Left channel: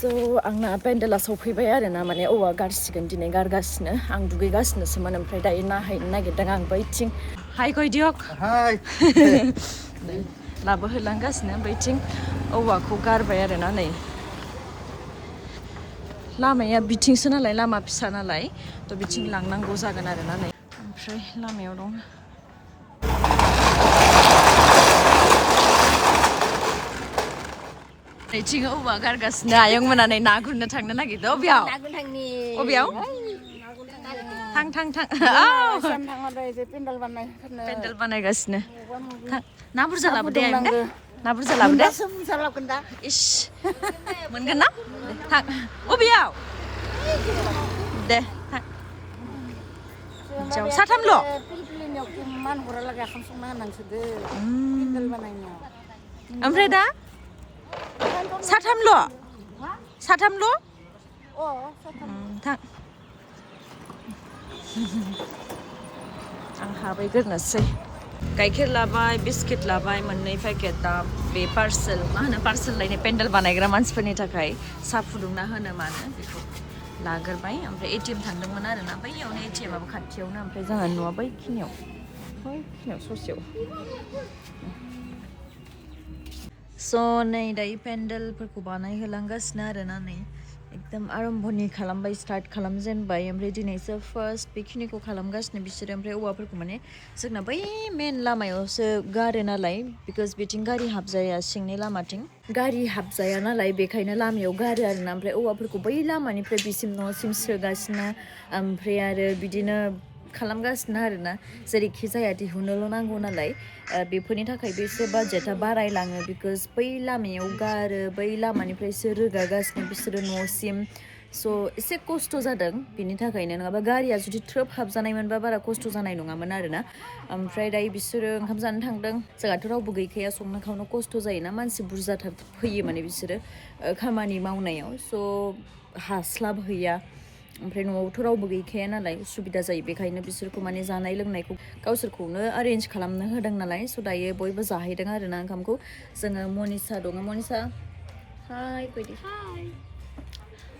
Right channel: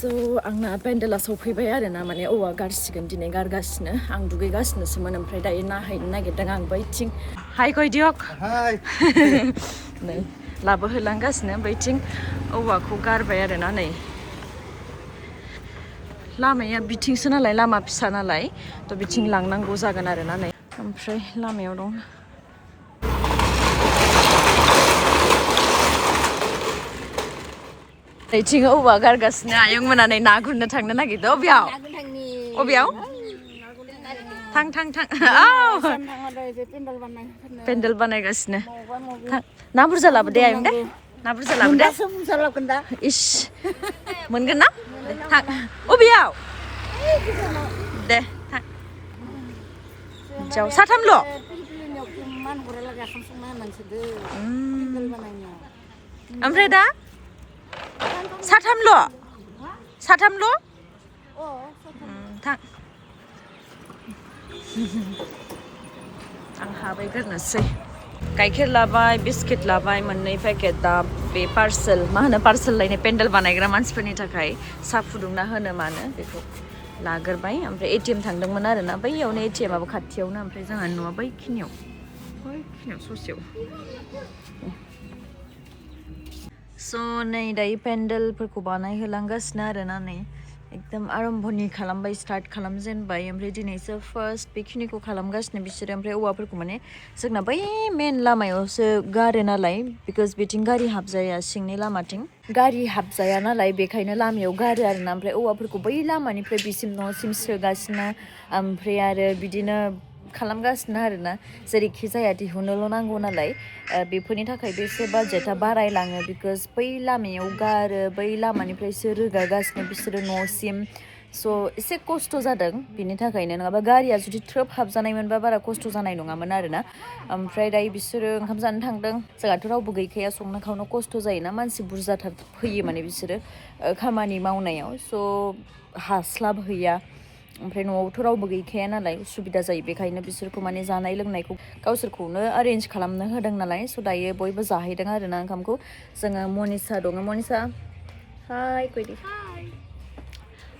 So आंना पेन्डेला सफैबाय आरोना माने औवा गारसिगोन दिनै गारगासिनो आं दुगैगासिनोसोमोन ओमफ्राय दायो नाहैनो नागिरदों आं बैथिं हाय गयदियक हाय नै लाबोहोलांगासिनो बैथिं औवाखौ गारबाय आरोना नै लामाया बिथिंसो नालाय लामा फिसा नालाय थ' बिथिं लांनांगौ जागोन आरोना नै ओमफ्राय लामायाव दं नैथिं औवा गारगासिनो आयं मोना नै ना गुरनो थांनो नागिरदों अबेयाव अबेयाव थां थां थां पेन्डेल बानायगासिनो ना बुरजा लाबोदे आयं दे ना बुरजा लाबोदे इस मोनगोन ना थां अबेयाव दे थां हिन्जाव साथामल' ओमफ्राय दा साथामल' थां आं हाबैग्रोनोसै गाइखेर लाबाय बिस्किट लाबाय मोननै पेकेट दा बे पार्सेल मा होनो पार्सेल लायनाय पेन्डेल बानायग्रा मानसिफोरनि थाखाय साहा फुदुंना होनो मानो बेखौ लाग्रोबाय ओमफ्राय एटिएम थांदोंमोन आरोना बैयावनो एटिएमाबो खाथियावनो ओमफ्राय जोंहा न'आ बैखिनियाव ससेयाव स' नै दायो पेन्डेलफोरखौ बानायहोलांगासिनो आरोना नै एकदम आरम्भनि खालामबाय स्टार्ट खालामजेनबाय ओमफ्राय दिनैसो फार्स्ट बेखिनिखौ खालामगासिनो बिसोरो ओमफ्राय औवाफोरखौ माने जोंना बै मेन लामायावसो गारो नालाय बिकज बिथिं गारि हाबजाया सिंनि लामाथिं गारि हाबजाया नालाय बेखायनो लामायाव गारो आरोना ओमफ्राय औवाफोरखौ बै लामानिफ्राय बिसिम न'सिम सोगासिनो ओमफ्राय आरो बिदिनो खालामगासिनो आरोना जेरैखि जाया दिहुननोल' नांगौ नालाय बेफोरनि थाखायबो एसे बाजेटआ बारायलाङो बिकज बै लामायाव गारो बै लामानिफ्रायसो रोगागासिनो बिसोरो न'सिम स' एसे खस्थ' जादों बिनि थाखायनो नङाबा गारिया जुदि थ्रोब हाबजानायमोनबा बारा खस्थ' जानाय नङामोन आरोना ओमफ्राय दायो बिसोरो ओंखाम जानो थांदों जोंहाथ' रावबो गैखाया संनो खावनो खस्थ' जायोना मानसि बुरजाथार फैयो माने बिसोरो खामानि मावनायाव स' हास्लाबहैया ओमफ्राय न'आवथ' रावबो गैखाया नालाय उसुबिदा जायो बेखायनो बिसोरखौ माने जानाय लोंनायखौ गावसोरखौनो एरेन्ज खालामनो होदों नालाय स' दायो बयबो जाहैदों आरोना ओंखामखौ जोङो मनिसा दङ मनिसा हाय गयदि हाय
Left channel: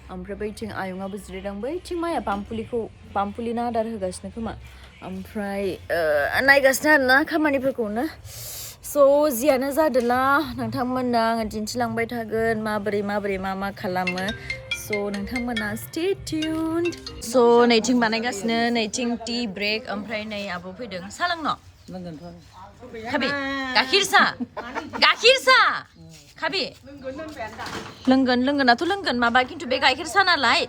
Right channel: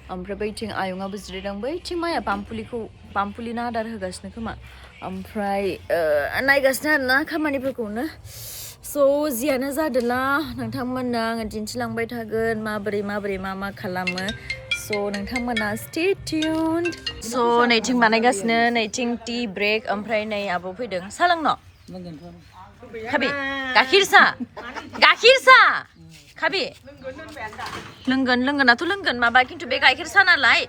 ओमफ्राय बैथिं आयंआबो जिरायदों बैथिं माया पामपुलिनो आदार होगासिनो खोमा ओमफ्राय नायगासिनो आरोना खामानिफोरखौनो स' जियानो जादोला नोंथांमोननो आङो दिन्थिलांबाय थागोन माबोरै मा खालामो स' नोंथांमोना स्टे टिउन्ड स' नैथिं बानायगासिनो नैथिं टि ब्रेक ओमफ्राय नै आब' फैदों सा लोंनो खाबि गाखिर सा खाबि लोंगोनाथ' लोंगोन माबा खिन्थु बे गाइखेर सा नालाय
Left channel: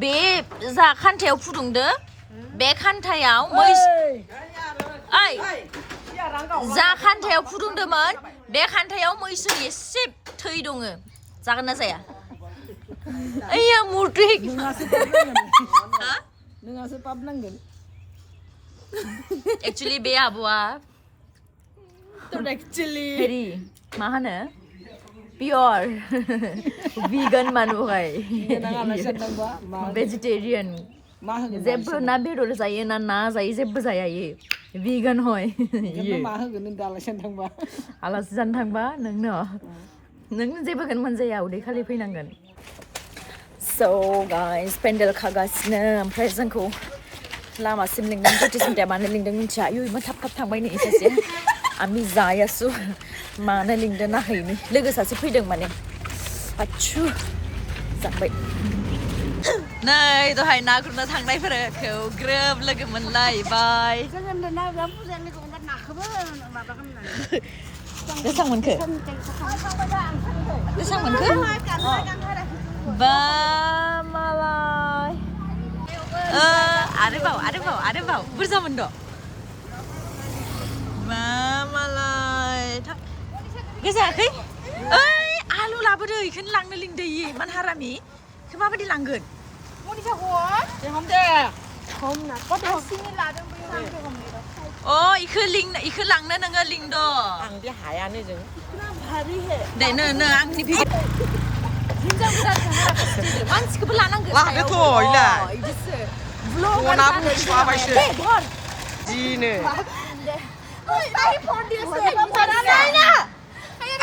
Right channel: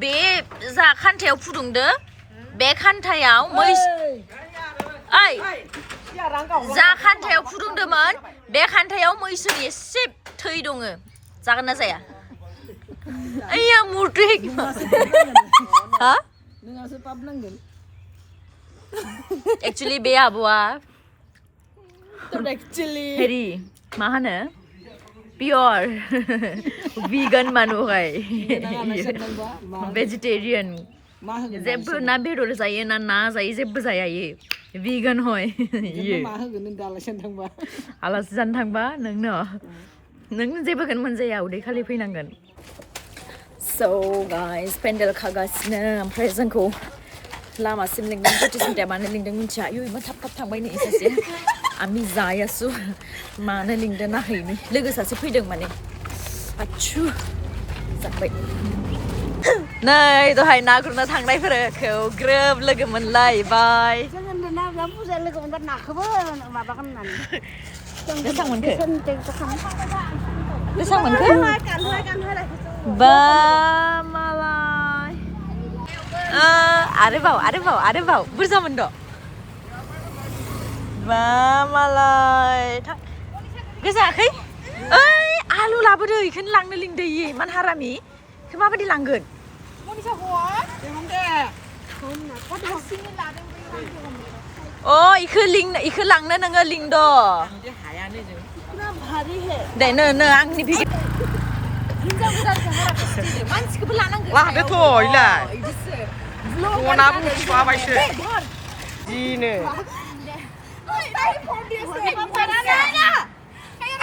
बे जा खान्थायाव फुदुंदो बे खान्थायाव जा खान्थायाव फुदुंदोंमोन बे खान्थायाव मैसोनि एसे थै दङ जागोन ना जाया आया मुर्टिक हा नोंहासो पाप नांगोन एक्चुअली बे आब'आ हेरि मा होनो पियर वीगन मानुहाय भेजिटेरियन जेबो ना बेदर जायो ना जायो जेबो जाया इयो वीगन हय आलासि जानो थांबा नों जेबोखौनो मोनजाया उदै खालि फैनांगोन स' गाइस पेन्डेल खागासिनो ओमफ्राय जोंखौ लामासिम लिंदों गोथै सान्थाया मानो लिंदों मिथिया आयु थाब थांबाय नै सासे आंनि जायासु मानो लिंदों नाहैनि लोगो सासे फैदों माने आच्छु जाबाय नै दहाय ना गुरनो थांनायफोरखौ ग्रोब लोगो मोनलायबाय बेसेबां मोनखो बा मालाय आरोबाव बुरजा मोनद' बा मालाय गोजाखै ओइ आलु लाबोदो इखौनो लांनो लिंदो इयो इमान हारामि इखौ माबायदि लांगोन इखौ लांनो नोङो लिंद' दे नो आंनि हिन्जाव गोदानसो हारा फुस्थिदो मानसिखौबो लानांगौ लादोथ' इलाय बनाबो माबायसो जिनो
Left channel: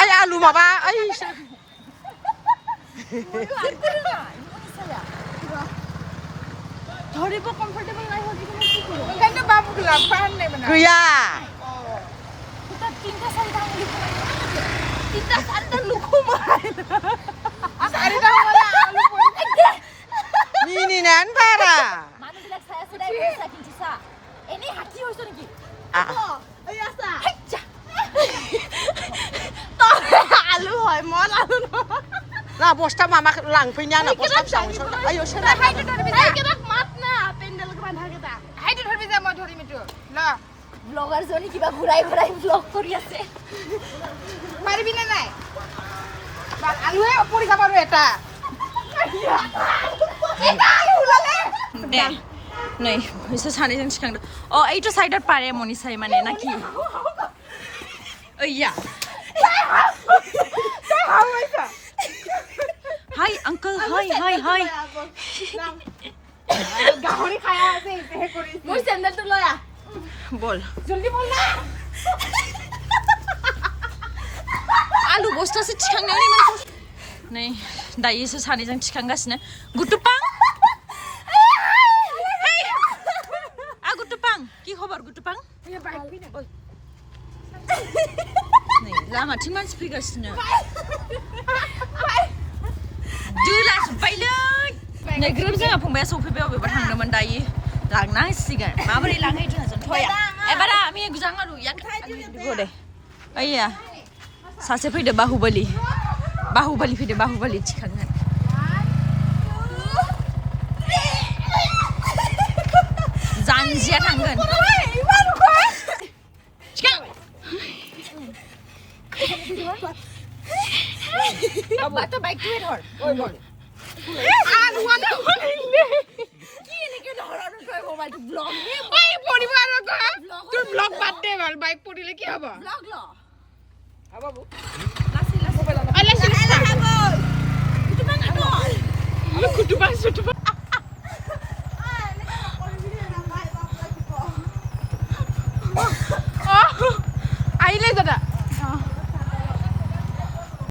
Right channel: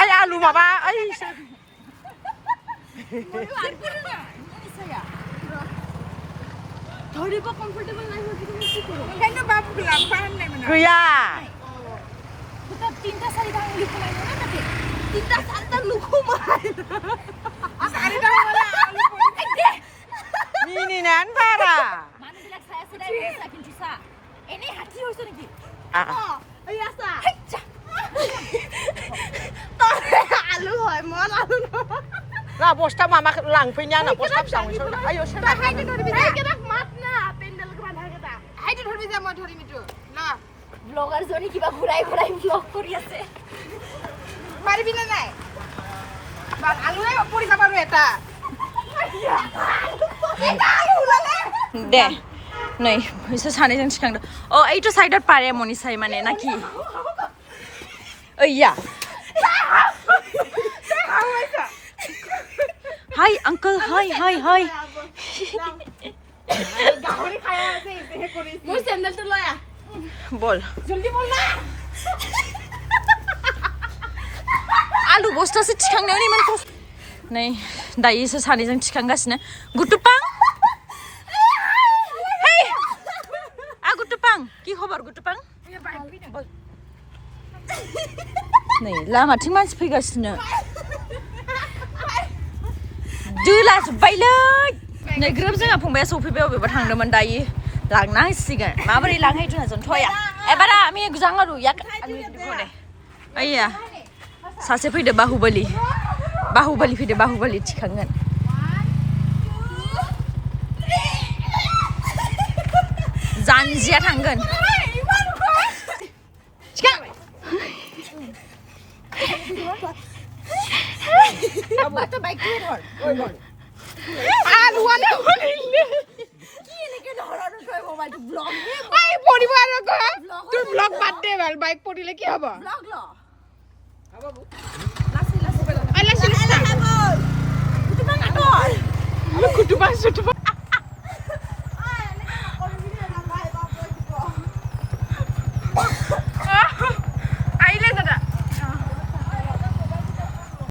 आइ आलु माबा ओइ ধৰিব কমফৰ্টেবল নাই হয় কিন্তু মই কি কৰোঁ ओंखायनो बाबु लाफान नै मोना गैया দুটা তিনটা চাৰিটা আঙুলি সোমাই ন তাতে তিনটা চাৰিটা নুসুমাই চাৰিটা মানে আলু পৰি মিনিনান বাৰা মানুহবিলাক চাই আছে দে পইচা কিন্তু চা এনে হাতি হৈছে নেকি এই আছা হেচ্চা आलु হয় মন आलु ला बस्ता मामा लांफैना ना बस्ता फिसाखौ सर आयो सोना हाइट धरबि जा केबाक मात ना पेन्डेल गबान थाके दा हाइट धरबि जा म धरि मिटु ल ব্লগাৰ জনি কিবা ঘুৰাই ঘুৰাই ব্লগ কৰি আছে পাৰিবি না নাই আলুৱে পৰি যাব আৰু এটা এটা আলু ওলালে দে নাই হৈছে সানিজों सिखांदो अ এইটো সাইডত পাৰে মনি চাই মানে নাকি ओया हाय अंकल हाय हाय हाय গাহৰি খাই আছে এহে কৰি মোৰ চেন্ডেলটো লৈ আ বল জলদি বল না आलु बस्तासो थिखांनायाव इमान खस्थ नै दायोसो सानैजों थिखांगासिनो गुटुपां हेय गुटुपां কি খবৰ गुटुपां नै लामाथिं मानसि फैगासिनो दोला जोब्बायलै नै ग्रोब जोंहा फंबाया सफैबाय अबेबा थांदोंमोन दायो लांना होसिगोन माबोरै लांहै जोंहा थया एबारा आमी गुजांगारु याक गोदे आइया सासे फैदो बाहुबली फैदो बाहुबली थिखांगोन जानजिया थांगोन बातो बाइक तुই ধর ওই বল আলু আলু কি এনেকে ধরনো কই মোবাইল ব্লগ এই পরিবার তুই ব্লগ বাদ দে বাইক পড়িলে কি হবে ব্লগ ল বাবু